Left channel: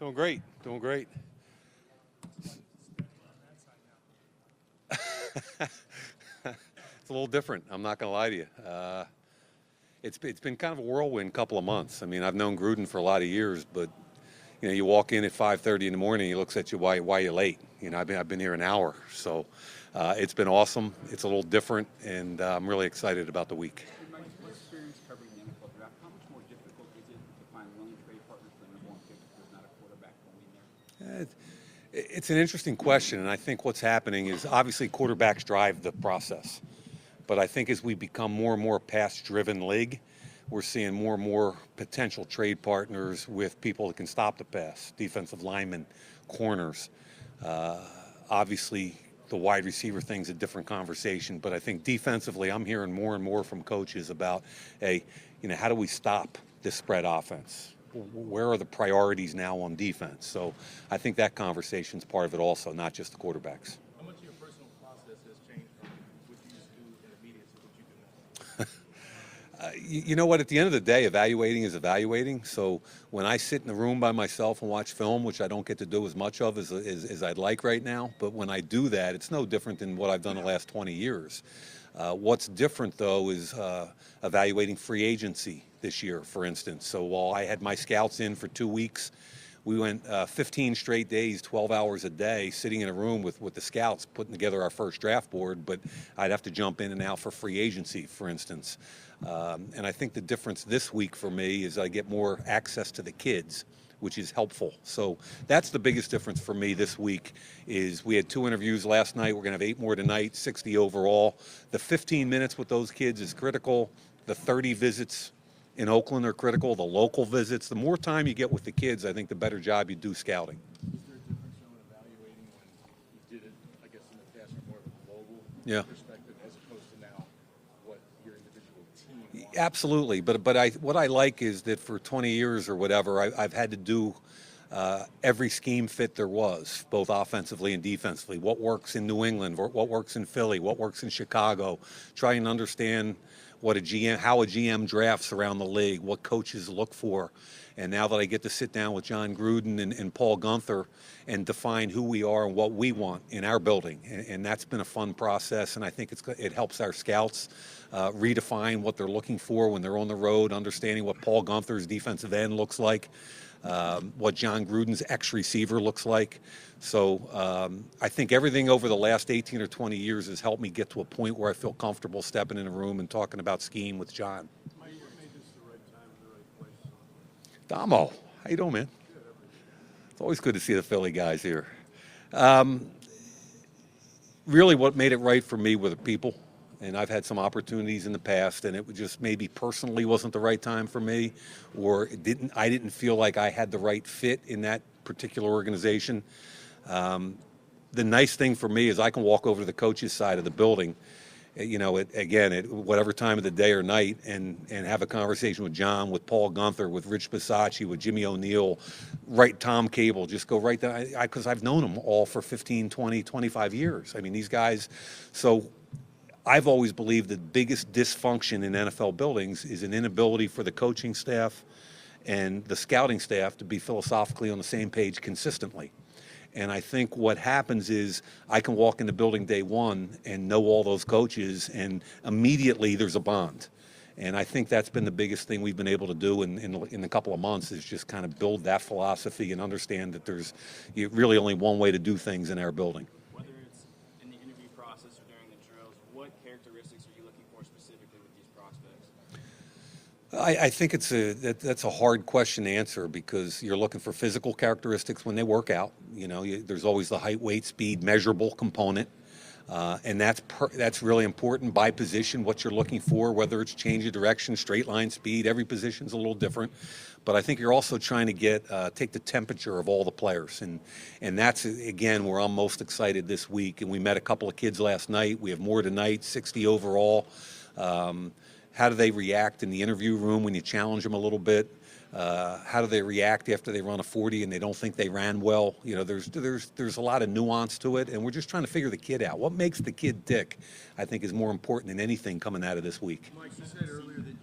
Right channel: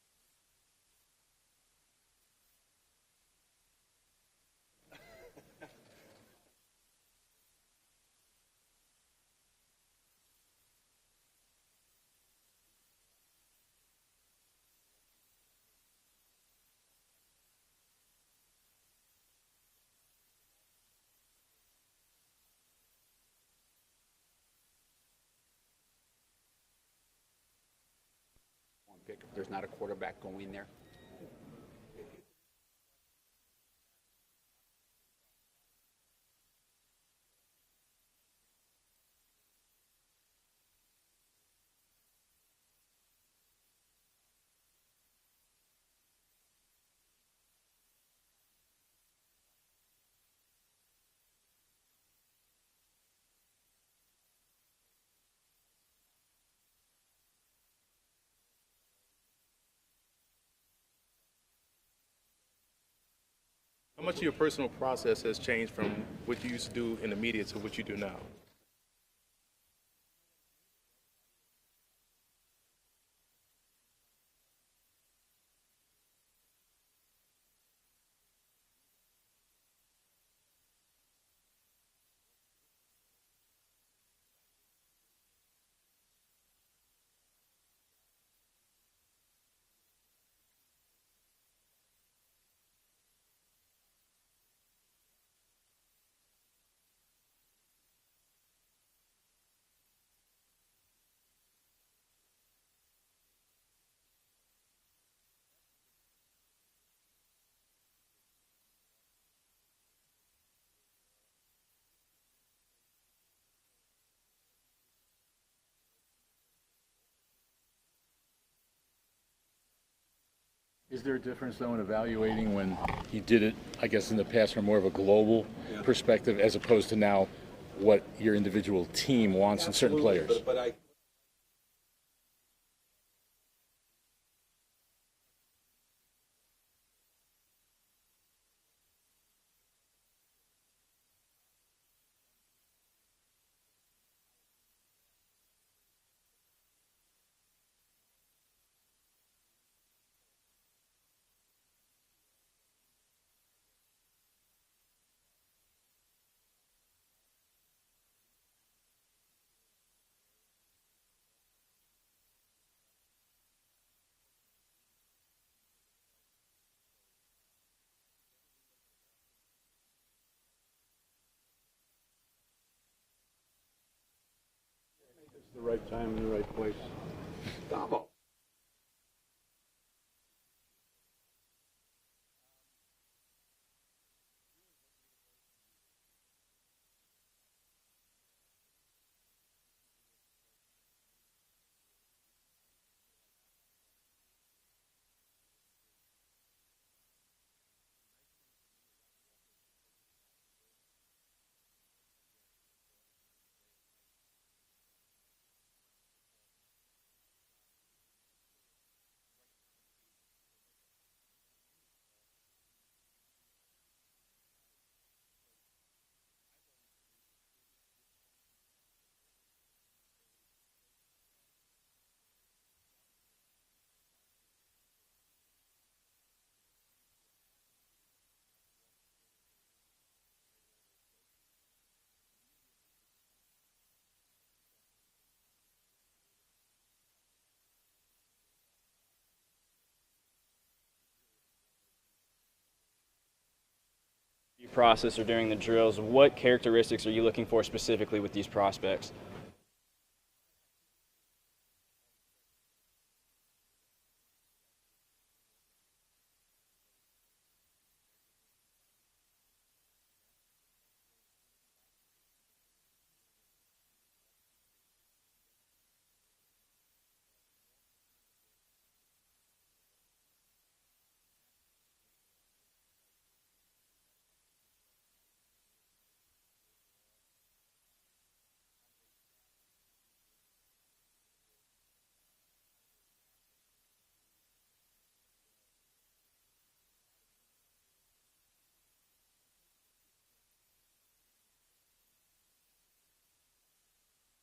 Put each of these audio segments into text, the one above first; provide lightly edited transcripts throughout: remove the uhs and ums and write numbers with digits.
Doing great, doing great. It's a little different. I'm not going to lie to you. It's been kind of a whirlwind couple of months. I mean, I've known Gruden for a lot of years, but you walk in at 5:30 in the morning, he looks at you, why you late? I've been here an hour, so it's been awesome. It's a little different, and I'm really excited about the week. Mike, what experience covering the NFL draft? How much more difficult is it to find willing trade partners for the number one pick if there's not a quarterback going there? It's an interesting question, and I think what's happening is obviously quarterbacks drive the process. But I think as we become more and more pass-driven league, we're seeing more and more potential trade partners with people that can stop the pass, defensive linemen, corners. Obviously, the wide receiver thing's a different conversation, but I think defensively, I'm hearing more and more from coaches about, hey, how do we stop this spread offense? Where are the priorities now on defense? So I think that conversation's part of it also, not just the quarterbacks. How much of your personal process has changed from what you used to do in the media to what you do now? You know what? At the end of the day, evaluating is evaluating. So when I sit in the room by myself and watch film, which I don't get to do as much of as I'd like right now, but when I do that, it's no different than what I've done the last 20 years. What's different, though, is evaluating free agency this year, for instance. So while I had my scouts in for 2 weeks, we went 15 straight days, 12 hours a day, sitting in a room with the scouts, putting together our first draft board, but I'd have to jump in and out for free agency, for instance. And I think the difference this week for me is I get more access to the kids, which is helpful. So that's the biggest difference for me this week is we had 2 interviews last night. We're going to have 8 more tonight, 60 overall. The 15 minutes with those kids is critical. The 30 visits in Oakland are critical. The local visits, the more time you get with the kids, I think the better job you do scouting. Is there a difference, though, in evaluating when you did it, I guess, in the past from more of a global perspective as opposed to now what your individual team wants? Absolutely, in certain players. But what I like is that for 20 years or whatever, I've had to do every scheme fit there was, both offensively and defensively. What works in New England, what works in Philly, what works in Chicago, try and understand what how a GM drafts around the league, what coaches look for. And now that I get to sit down with John Gruden and Paul Guenther and define who we are and what we want in our building, and that's been a fun process, and I think it helps our scouts redefine what they're looking for when they're on the road, understanding what Paul Guenther's defensive end looks like, what John Gruden's ex-receiver looks like. So I think everything over the last 18 or 20 years has helped me get to a point where I feel comfortable stepping in a room and talking about scheme with John. Mike, what made this the right time and the right place? Damo, how you doing, man? It's always good to see the Philly guys here. Really what made it right for me were the people. And I've had some opportunities in the past, and it just maybe personally wasn't the right time for me, or I didn't feel like I had the right fit in that particular organization. The nice thing for me is I can walk over to the coach's side of the building, at whatever time of the day or night, and have a conversation with John, with Paul Guenther, with Rich Bisacci, with Jimmy O'Neill, Tom Cable, just go right there, because I've known them all for 15, 20, 25 years. I mean, these guys, so I've always believed the biggest dysfunction in NFL buildings is an inability for the coaching staff and the scouting staff to be philosophically on the same page consistently. And I think what happens is I can walk into building day one and know all those coaches, and immediately there's a bond. And I think that's been the biggest thing we've been able to do in a couple of months is just kind of build that philosophy and understand that there's really only one way to do things in our building. Process or during the drills, what characteristics are you looking for specifically with these prospects? I think that's a hard question to answer because you're looking for physical characteristics when they work out. There's always the height, weight, speed, measurable component, and that's really important by position. What you're looking for, whether it's change of direction, straight line speed, every position's a little different. But I think you're also trying to take the temperature of all the players, and that's again where I'm most excited this week. And we met a couple of kids last night. We have more tonight, 60 overall. How do they react in the interview room when you challenge them a little bit? How do they react after they run a 40 and they don't think they ran well? There's a lot of nuance to it, and we're just trying to figure the kid out. What makes the kid tick, I think, is more important than anything coming out of this week. Mike, you said earlier that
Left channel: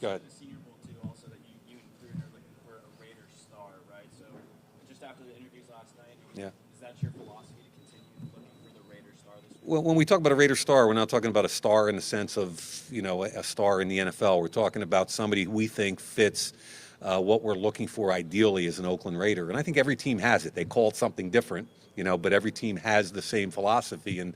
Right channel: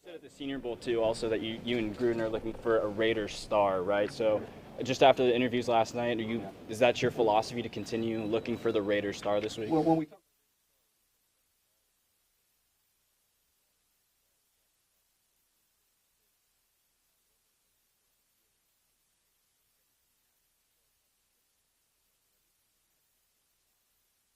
Go ahead. The Senior Bowl too, also that you and Gruden are looking for a Raiders star, right? So just after the interviews last night, Yeah. is that your philosophy to continue looking for the Raiders star this week? Well, when we talk about a Raider star, we're not talking about a star in the sense of, a star in the NFL. We're talking about somebody who we think fits what we're looking for ideally as an Oakland Raider. And I think every team has it. They call it something different, but every team has the same philosophy. And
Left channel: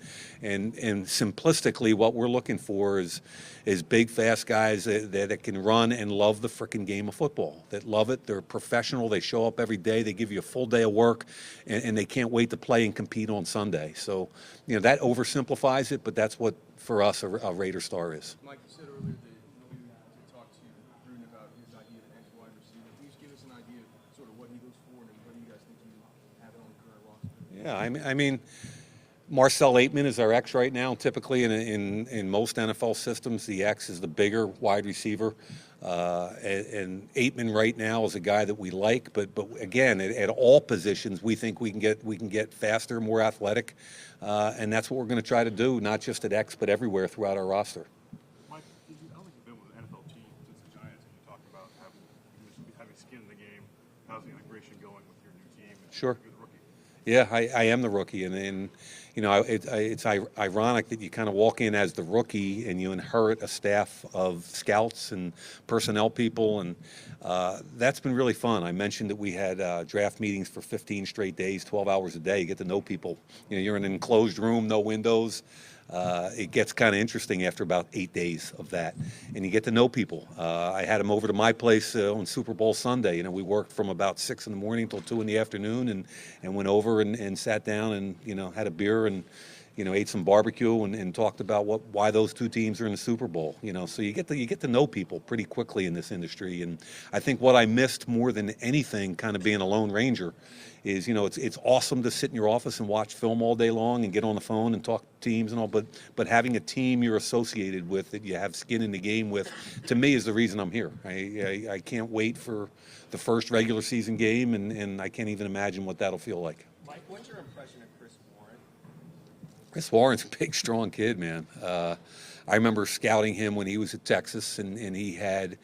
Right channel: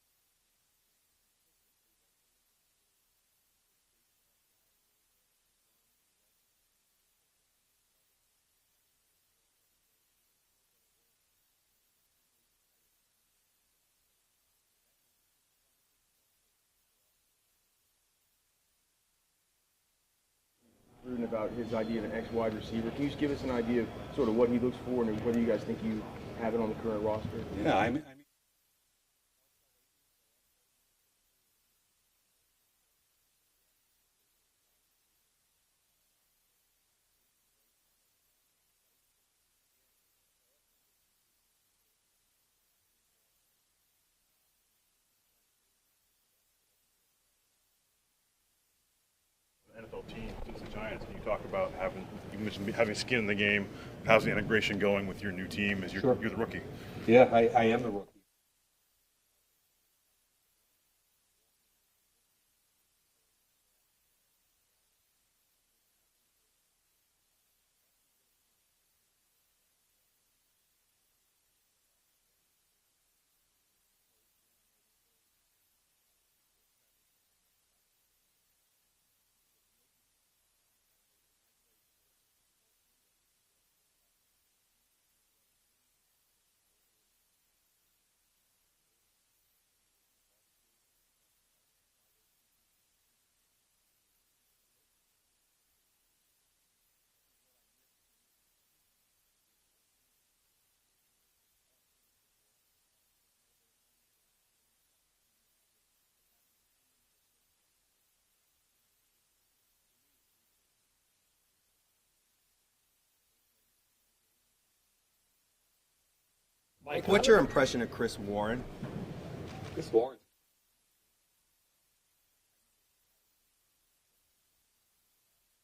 simplistically, what we're looking for is big, fast guys that can run and love the frickin' game of football, that love it. They're professional. They show up every day. They give you a full day of work, and they can't wait to play and compete on Sunday. So, that oversimplifies it, but that's what, for us, a Raider star is. Mike, you said earlier that you talked to Gruden about his idea of an X wide receiver. Can you just give us an idea of sort of what he looks for and whether you guys think you have it on the current roster? Yeah, I mean, Marcel Aitman is our X right now. Typically, in most NFL systems, the X is the bigger wide receiver. And Aitman right now is a guy that we like, but again, at all positions, we think we can get faster, more athletic, and that's what we're going to try to do, not just at X, but everywhere throughout our roster. Mike, I don't think you've been with an NFL team since the Giants, and you talk about you mentioned having skin in the game. How's the integration going with your new team as you're the rookie? Yeah, I am the rookie, and it's ironic that you kind of walk in as the rookie and you inherit a staff of scouts and personnel people, and that's been really fun. I mentioned that we had draft meetings for 15 straight days, 12 hours a day. You get to know people. You're in an enclosed room, no windows. It gets kind of interesting after about 8 days of that, and you get to know people. I had them over to my place on Super Bowl Sunday. We worked from about 6 in the morning till 2 in the afternoon, and went over and sat down and had a beer and ate some barbecue and talked about why those two teams are in the Super Bowl. So you get to know people pretty quickly in this industry, and I think what I missed more than anything, kind of being a Lone Ranger, is it's awesome to sit in your office and watch film all day long and get on the phone and talk to teams and all, but having a team you're associated with that you have skin in the game with, to me, is the reason I'm here. I can't wait for the first regular season game, and I can't even imagine what that'll feel like. Mike, what's your impression of Chris Warren? Chris Warren's a big, strong kid, man. I remember scouting him when he was at Texas, and he had,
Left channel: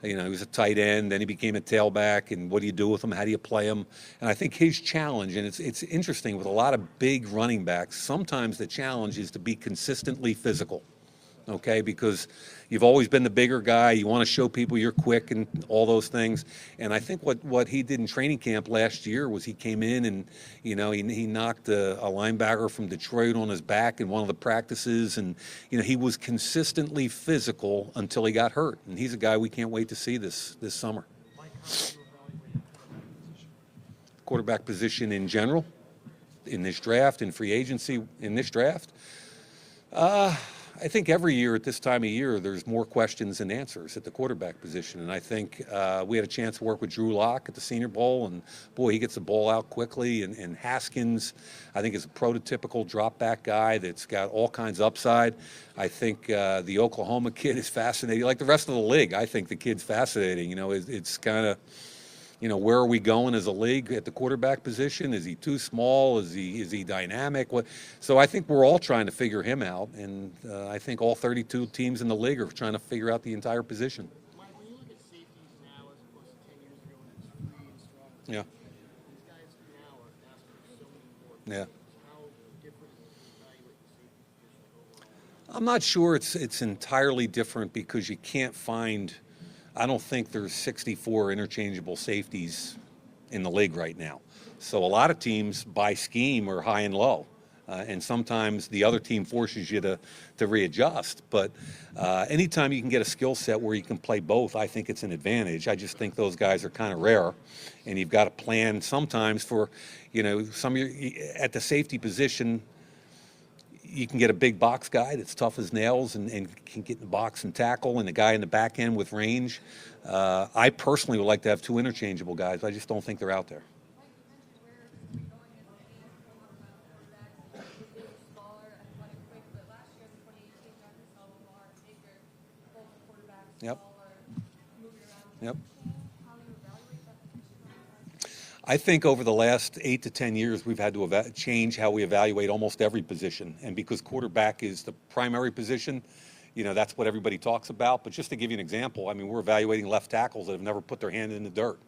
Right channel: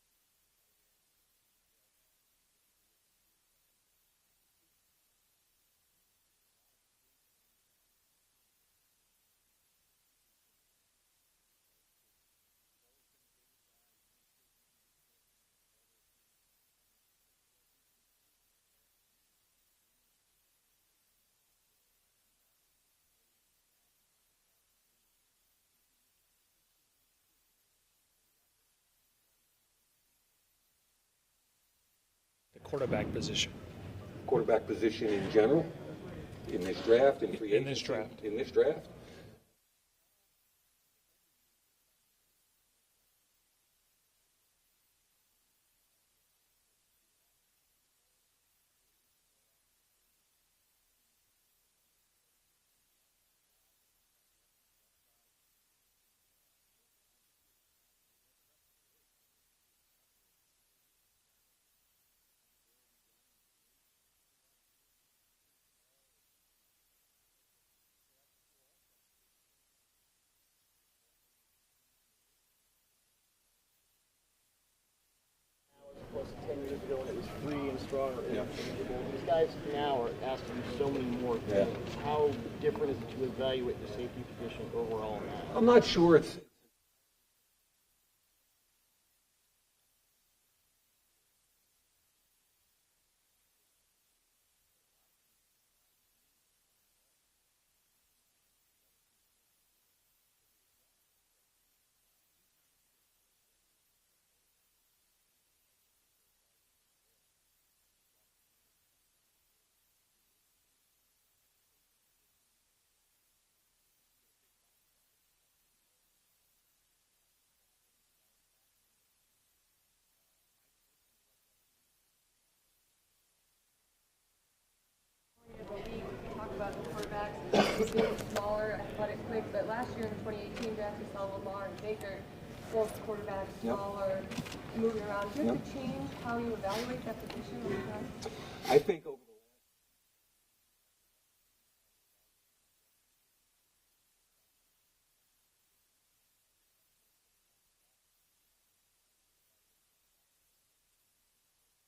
he was a tight end, then he became a tailback, and what do you do with him? How do you play him? And I think his challenge, and it's interesting with a lot of big running backs, sometimes the challenge is to be consistently physical, okay? Because you've always been the bigger guy. You want to show people you're quick and all those things. And I think what he did in training camp last year was he came in and, he knocked a linebacker from Detroit on his back in one of the practices. And, he was consistently physical until he got hurt. And he's a guy we can't wait to see this summer. Mike, how do you evaluate the quarterback position? Quarterback position in general, in this draft, in free agency, in this draft. I think every year at this time of year, there's more questions than answers at the quarterback position. And I think we had a chance to work with Drew Lock at the Senior Bowl, and boy, he gets the ball out quickly. And Haskins, I think, is a prototypical drop-back guy that's got all kinds of upside. I think the Oklahoma kid is fascinating. Like the rest of the league, I think the kid's fascinating. It's kind of, where are we going as a league at the quarterback position? Is he too small? Is he dynamic? So I think we're all trying to figure him out, and I think all 32 teams in the league are trying to figure out the entire position. Mike, when you look at safeties now as opposed to 10 years ago when it was free and strong, Yeah. these guys now are asked to do so many more Yeah. things. How different is it to evaluate the safety position overall in that? I'm not sure it's entirely different because you can't find. I don't think there's 64 interchangeable safeties in the league right now. So a lot of teams by scheme are high and low. And sometimes the other team forces you to readjust. But anytime you can get a skill set where you can play both, I think it's an advantage. I just think those guys are kind of rare. And you've got to plan sometimes for, at the safety position, you can get a big box guy that's tough as nails and can get in the box and tackle, and a guy in the back end with range. I personally would like to have two interchangeable guys. I just don't think they're out there. Talk about quarterbacks being smaller, athletic, quick, but last year in the 2018 draft, we saw Lamar and Baker, both quarterbacks, smaller, moving around. Do you have to change how you evaluate that position? I think over the last 8 to 10 years, we've had to change how we evaluate almost every position. And because quarterback is the primary position, that's what everybody talks about. But just to give you an example, we're evaluating left tackles that have never put their hand in the dirt.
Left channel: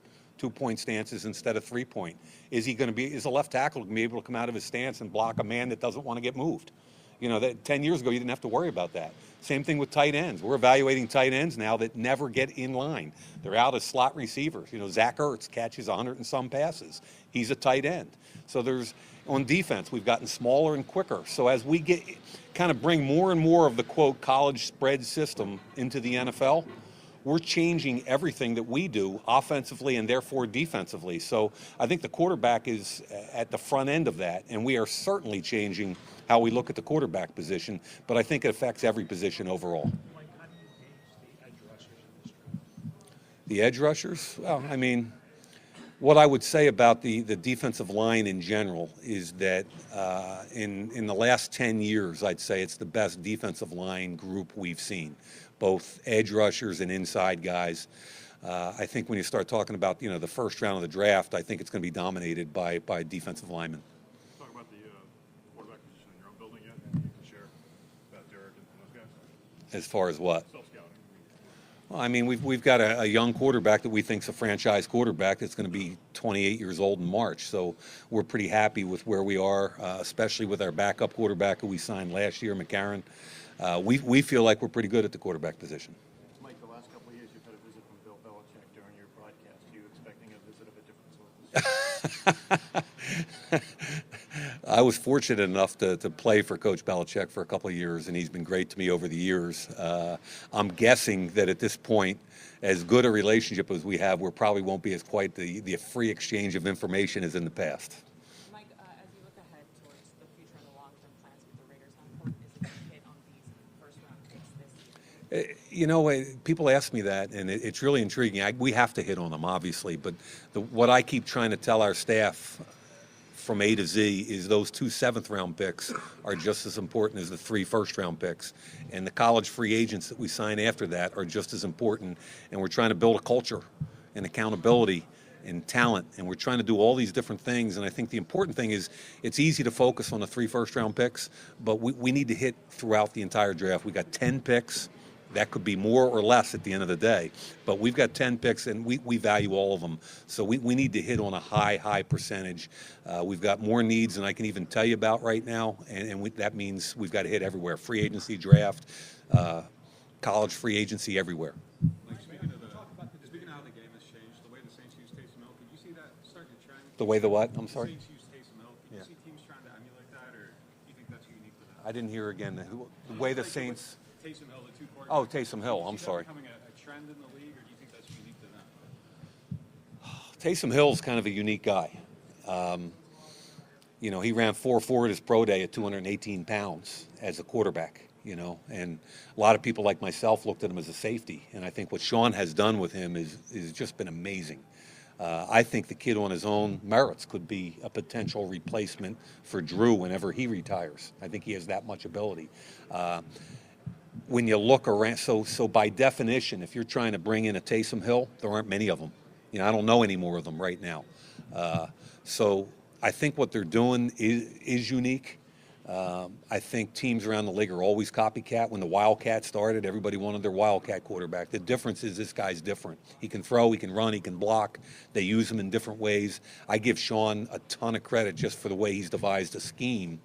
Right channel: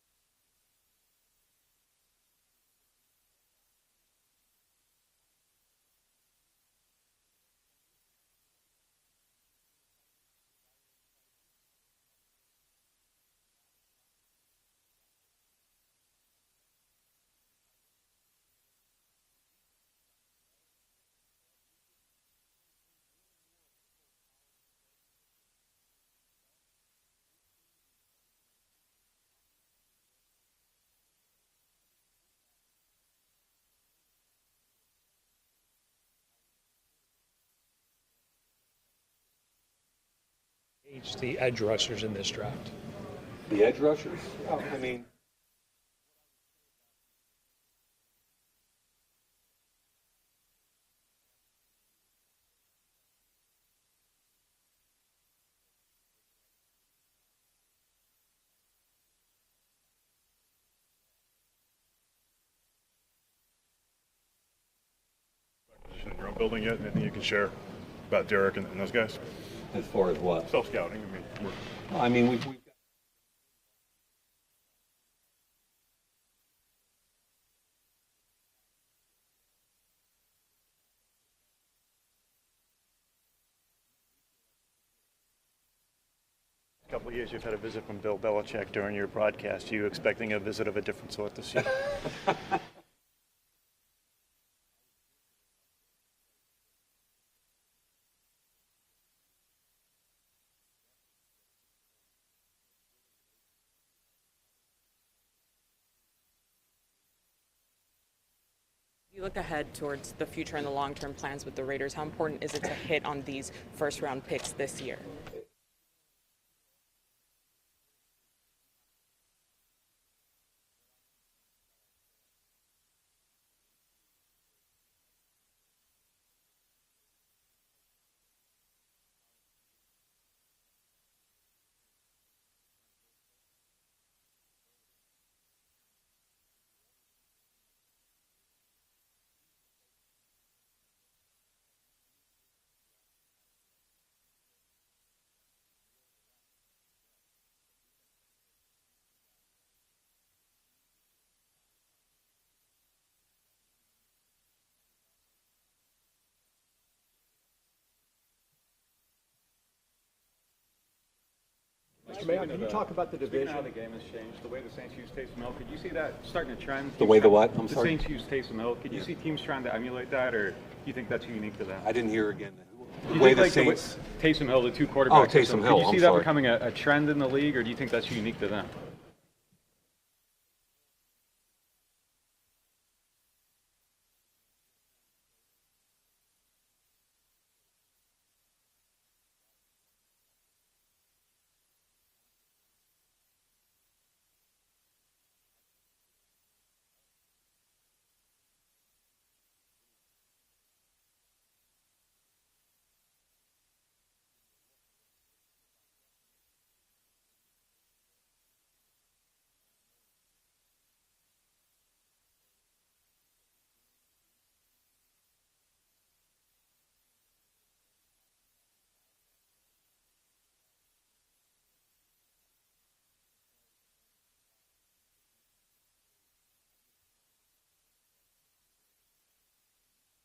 2-point stances instead of 3-point? Is a left tackle going to be able to come out of his stance and block a man that doesn't want to get moved? You know, that 10 years ago, you didn't have to worry about that. Same thing with tight ends. We're evaluating tight ends now that never get in line. They're out as slot receivers. You know, Zach Ertz catches 100 and some passes. He's a tight end. So on defense, we've gotten smaller and quicker. So as we kind of bring more and more of the, quote, college spread system into the NFL, we're changing everything that we do offensively and therefore defensively. So I think the quarterback is at the front end of that, and we are certainly changing how we look at the quarterback position, but I think it affects every position overall. Mike, how do you gauge the edge rushers in this draft? The edge rushers? Oh, I mean, what I would say about the defensive line in general is that in the last 10 years, I'd say it's the best defensive line group we've seen, both edge rushers and inside guys. I think when you start talking about, you know, the first round of the draft, I think it's going to be dominated by defensive linemen. Talk about the quarterback position in your own building yet? Anything you can share about Derek and those guys? As far as what? Self-scouting. I mean, we've got a young quarterback that we think's a franchise quarterback that's going to be 28 years old in March. So we're pretty happy with where we are, especially with our backup quarterback who we signed last year, McCarron. We feel like we're pretty good at the quarterback position. Mike, the last couple of years you've had a visit from Bill Belichick during your broadcast. Are you expecting a visit of a different sort this year? I was fortunate enough to play for Coach Belichick for a couple of years, and he's been great to me over the years. I'm guessing that at this point, as good a relationship as we have, we probably won't be as quite the free exchange of information as in the past. Mike, as you look ahead towards the future and the long-term plans with the Raiders, how important is it to hit on these first-round picks this year? You know, people ask me that, and it's really intriguing. We have to hit on them, obviously, but what I keep trying to tell our staff from A to Z is those 2 7th-round picks are just as important as the 3 first-round picks. And the college free agents that we sign after that are just as important. And we're trying to build a culture and accountability and talent. And we're trying to do all these different things. And I think the important thing is it's easy to focus on the 3 first-round picks, but we need to hit throughout the entire draft. We got 10 picks. That could be more or less at the end of the day. But we've got 10 picks, and we value all of them. So we need to hit on a high percentage. We've got more needs than I can even tell you about right now, and that means we've got to hit everywhere. Free agency, draft, college free agency, everywhere. Mr. Mayock, can you talk about the division? How the game has changed, the way the Saints use Taysom Hill, could you see that starting to trend? The way the what? I'm sorry? sorry? The Saints use Taysom Hill. Could you see teams trying to emulate that, or do you think that's unique to them? I didn't hear again. Do you think like Taysom Hill, the 2 quarterbacks? Oh, Taysom Hill. Could you see that becoming a trend in the league, or do you think that's unique to them? Taysom Hill's kind of a unique guy. You know, he ran 4.4 at his pro day at 218 pounds as a quarterback, you know, and a lot of people like myself looked at him as a safety. And I think what Sean has done with him is just been amazing. I think the kid on his own merits could be a potential replacement for Drew whenever he retires. I think he has that much ability. When you look around, so by definition, if you're trying to bring in a Taysom Hill, there aren't many of them. You know, I don't know any more of them right now. So I think what they're doing is unique. I think teams around the league are always copycat. When the Wildcat started, everybody wanted their Wildcat quarterback. The difference is this guy's different. He can throw, he can run, he can block. They use him in different ways. I give Sean a ton of credit just for the way he's devised a scheme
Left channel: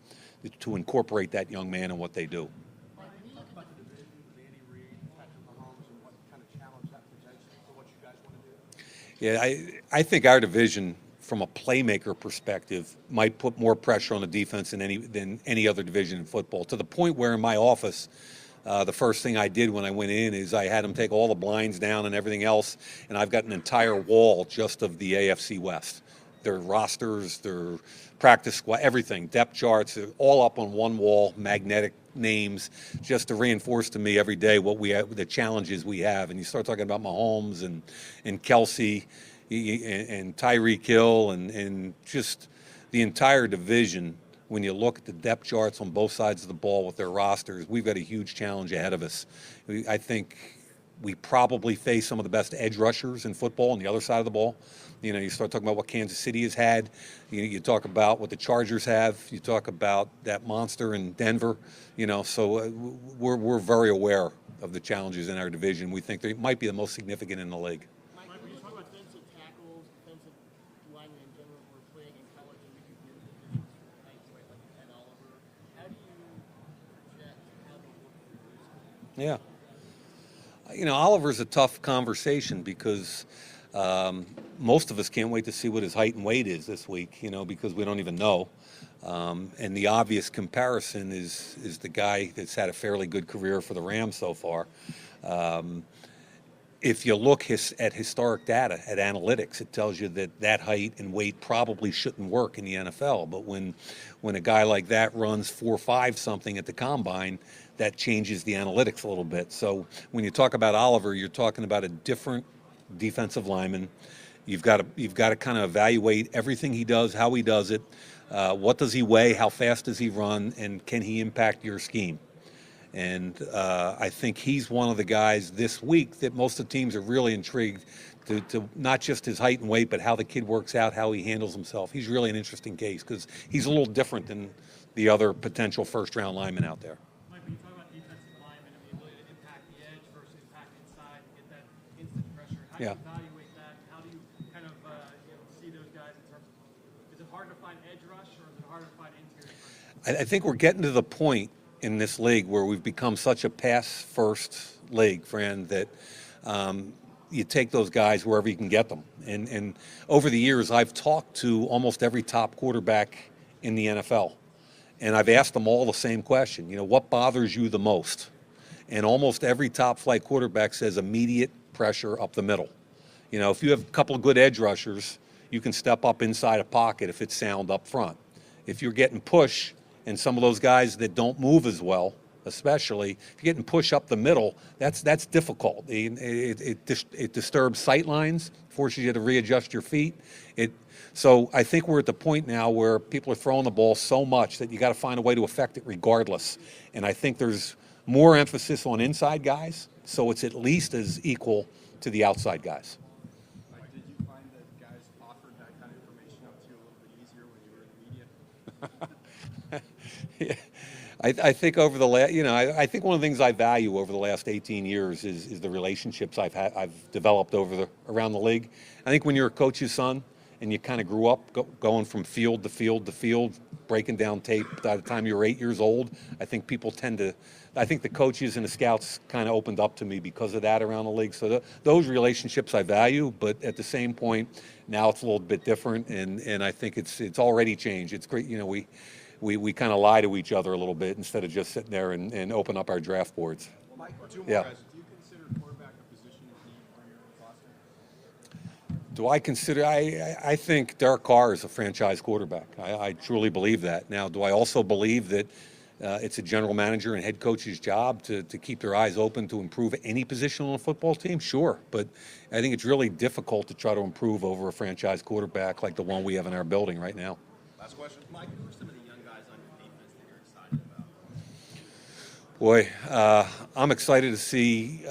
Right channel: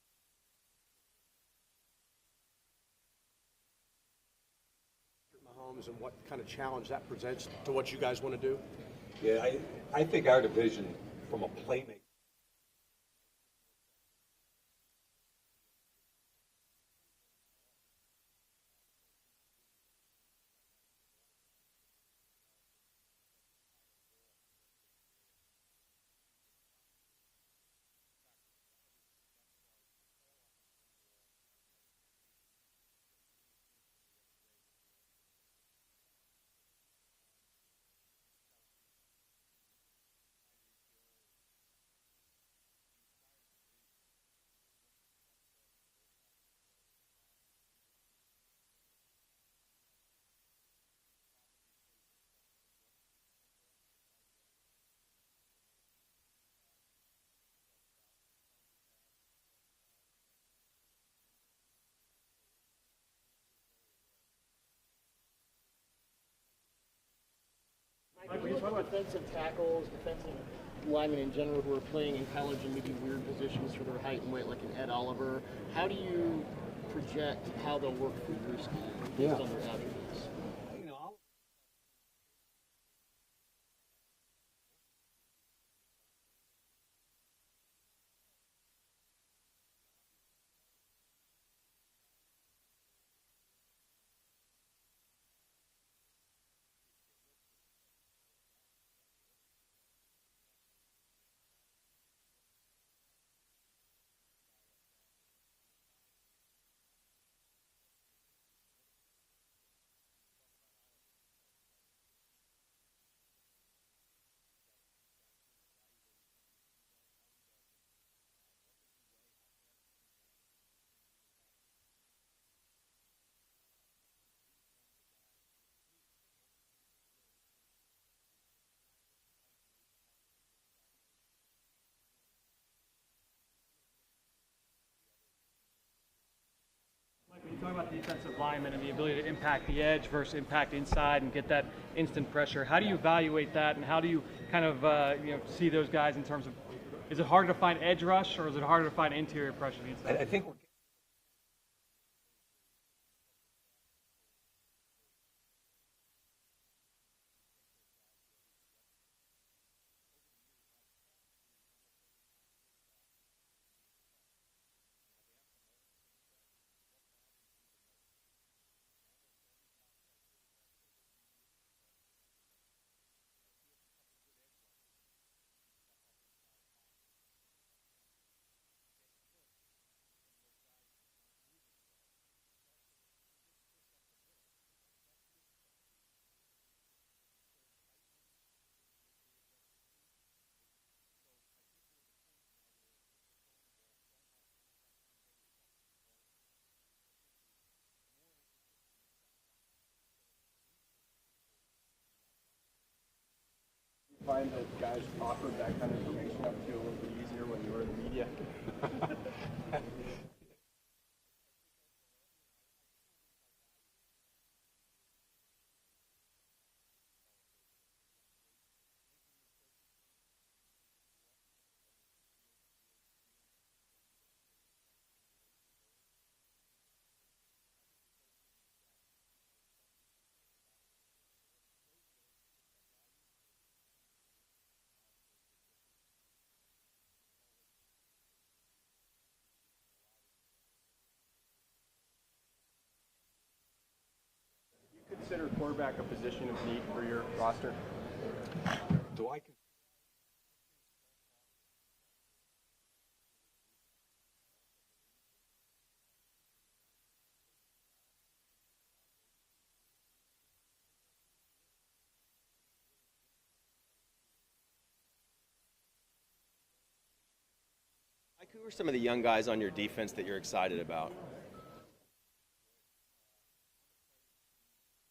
to incorporate that young man in what they do. And what kind of challenge that presents to what you guys want to do? Yeah, I think our division, from a playmaker perspective, might put more pressure on the defense than any other division in football, to the point where in my office, the first thing I did when I went in is I had them take all the blinds down and everything else, and I've got an entire wall just of the AFC West. Their rosters, their practice squad, everything, depth charts, all up on one wall, magnetic names, just to reinforce to me every day what we have, the challenges we have. And you start talking about Mahomes and Kelsey and Tyreek Hill and just the entire division. When you look at the depth charts on both sides of the ball with their rosters, we've got a huge challenge ahead of us. I think we probably face some of the best edge rushers in football on the other side of the ball. You know, you start talking about what Kansas City has had. You talk about what the Chargers have. You talk about that monster in Denver. You know, so we're very aware of the challenges in our division. We think they might be the most significant in the league. Mike, When you talk about defensive tackles, defensive linemen in general who are playing in college in maybe weird positions for their height and weight, like an Ed Oliver, how do you project how they'll work through your scheme? Yeah. On their attributes? You know, Oliver's a tough conversation because most of us can't wait to see what his height and weight is this week, you know, because we don't even know. And the obvious comparison is the guy that's had a fairly good career for the Rams so far. If you look at historic data, at analytics, it tells you that height and weight probably shouldn't work in the NFL. But when a guy like that runs 4.5 something at the combine, that changes the analytics a little bit. So when you talk about Oliver, you're talking about a different defensive lineman. You've got to kind of evaluate everything he does, how he does it, what does he weigh, how fast does he run, and can he impact your scheme? And I think he's one of the guys this week that most of the teams are really intrigued to not just his height and weight, but how the kid works out, how he handles himself. He's really an interesting case because he's a little different than the other potential first-round linemen out there. Mike, when you talk about defensive linemen and the ability to impact the edge versus impact inside and get that instant pressure, how do you evaluate that, and how do you kind of see those guys in terms of, is it harder to find edge rush or is it harder to find interior pressure? I think we're getting to the point in this league where we've become such a pass-first league, Fran, that you take those guys wherever you can get them. And over the years, I've talked to almost every top quarterback in the NFL, and I've asked them all the same question. You know, what bothers you the most? And almost every top-flight quarterback says immediate pressure up the middle. You know, if you have a couple of good edge rushers, you can step up inside a pocket if it's sound up front. If you're getting push, and some of those guys that don't move as well, especially if you're getting push up the middle, that's difficult. It disturbs sight lines, forces you to readjust your feet. So I think we're at the point now where people are throwing the ball so much that you got to find a way to affect it regardless. And I think there's more emphasis on inside guys, so it's at least as equal to the outside guys. Did you find that guys offered that kind of information up to you a little bit easier when you were in the media? Yeah. I think over the last, I think one of the things I value over the last 18 years is the relationships I've developed around the league. I think when you're a coach's son and you kind of grew up going from field to field to field, breaking down tape by the time you were 8 years old, I think I think the coaches and the scouts kind of opened up to me because of that around the league. So those relationships I value, but at the same point, now it's a little bit different, and I think it's already changed. It's great, we kind of lie to each other a little bit instead of just sitting there and open up our draft boards. Mike, two more guys. Do you consider quarterback a position of need for your roster? Do I consider? I think Derek Carr is a franchise quarterback. I truly believe that. Now, do I also believe that it's a general manager and head coach's job to keep their eyes open to improve any position on a football team? Sure, but I think it's really difficult to try to improve over a franchise quarterback like the one we have in our building right now. Last question. Mike, who are some of the young guys on your defense that you're excited about? Boy, I'm excited to see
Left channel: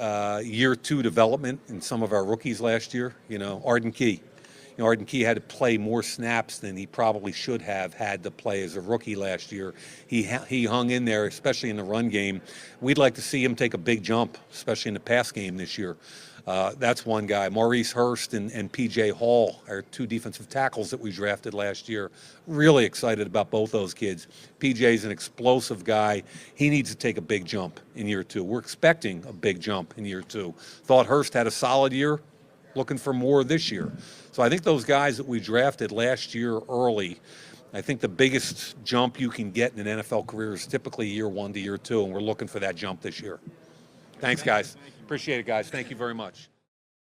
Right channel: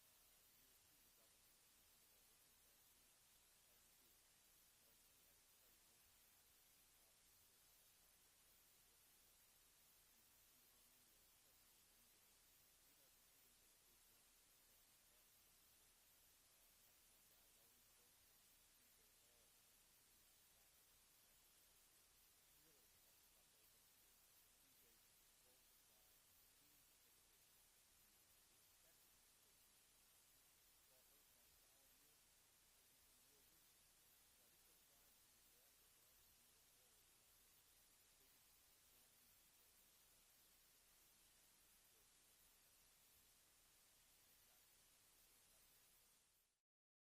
year 2 development in some of our rookies last year. Arden Key. Arden Key had to play more snaps than he probably should have had to play as a rookie last year. He hung in there, especially in the run game. We'd like to see him take a big jump, especially in the pass game this year. That's one guy. Maurice Hirst and P.J. Hall are 2 defensive tackles that we drafted last year. Really excited about both those kids. P.J.'s an explosive guy. He needs to take a big jump in year 2. We're expecting a big jump in year 2. Thought Hirst had a solid year. Looking for more this year. So I think those guys that we drafted last year early, I think the biggest jump you can get in an NFL career is typically year 1 to year 2, and we're looking for that jump this year. Thanks, guys. Appreciate it, guys. Thank you very much.